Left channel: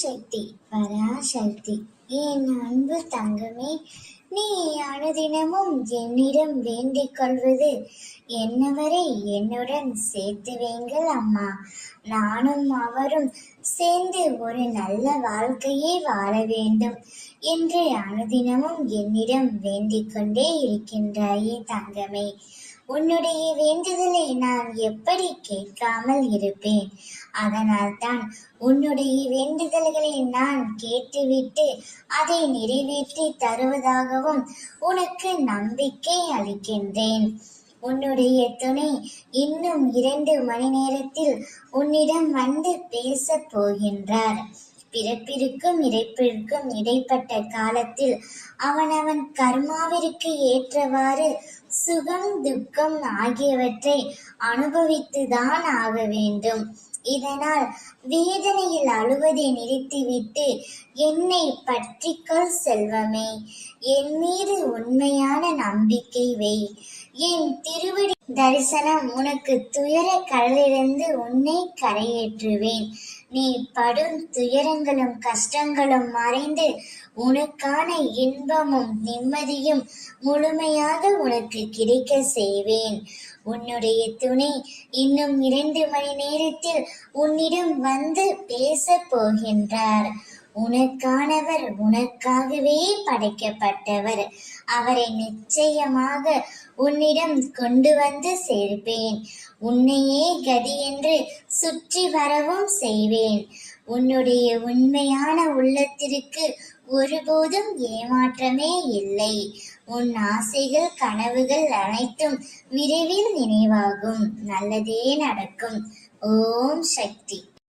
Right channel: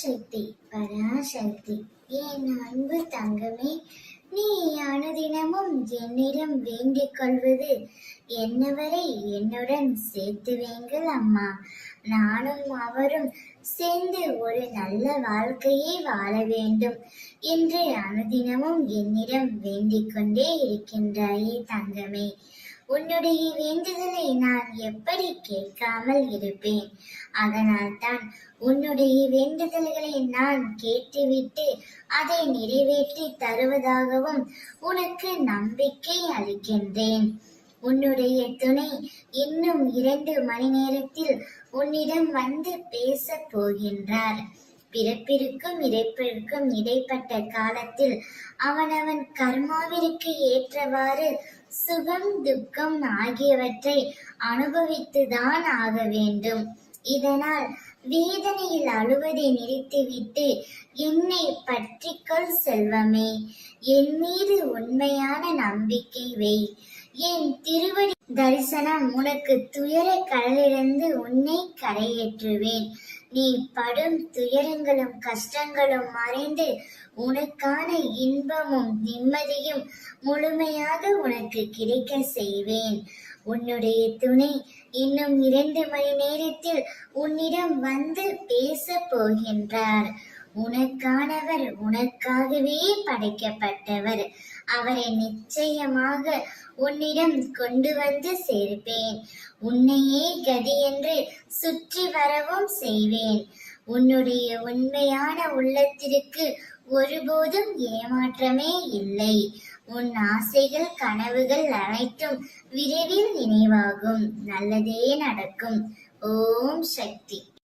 சக்தி பராசக்தி. என் அன்பு தங்கமே, நீ அனுதினமும் என்னிடம் வேண்டிக் கொள்வது என்னவரை என்னுடன் சேர்த்து வைங்கள் அம்மா. நானும் அவரும் சேர்ந்து ஒரு நல்ல வாழ்க்கையை வாழ வேண்டும் என்று அனுதினமும் என்னிடம் வேண்டிக் கொண்டே இருக்கின்றாயே தங்கமே. உன்னுடைய வேண்டுதலை நான் எப்படி கேட்காமல் இருப்பேன்? அதனால்தான் உன்னுடைய வேண்டுதல்களை நான் கேட்டுவிட்டு அதை நிறைவேற்றி தருவதாகவும் உனக்கு நம்பிக்கை அளிக்கின்றேன். உன்னுடைய துணை இன்னும் 2 மணி நேரத்தில் உன்னிடம் வந்து பேச போகின்றார். பிறப்பிற்கும் இறப்பிற்கும் இடைப்பட்ட காலத்தில் அவனவன் கர்மாவிற்கு ஏற்றவாறு சுகம் துக்கம் ஆகியவற்றை அனுபவித்துதான் ஆக வேண்டும். இதனால் வேதனையில் அழுவதை நிறுத்திவிட்டு என்னை பற்றிக்கொள் செல்வமே. என் மீது உண்மையான நம்பிக்கை வை. என் திருவடி தரிசனம் உனக்கு துயர கடலிலிருந்து உன்னை கரையேற்றுவேன். நீ படும் துயரங்களும் கஷ்டங்களும் மறைந்து உனக்கான இன்பமும் நிம்மதியும் முழுமையாக உனக்கு கிடைக்க செய்வேன். உன்னுடைய துணை இன்னும் 2 மணி நேரத்தில் உன்னிடம் வந்து பேச போகின்றார். உனக்கானவர், உனக்காகவே படைக்கப்பட்டவர். அவரை நிச்சயமாக உன்னிடம் கொண்டு வந்து சேர்ப்பேன். உன்னையே கதி என்று சுற்றி வரவும் செய்வேன். உன்னுடைய உண்மையான உள்ளத்திற்கு ஒருபோதும் ஏமாற்றமே இல்லை. உன் ஆசைகள் கனவுகள் அனைத்தும் விரைவில் நினைவாகும். நல்லதே நடக்கும். ஓம் சக்தி.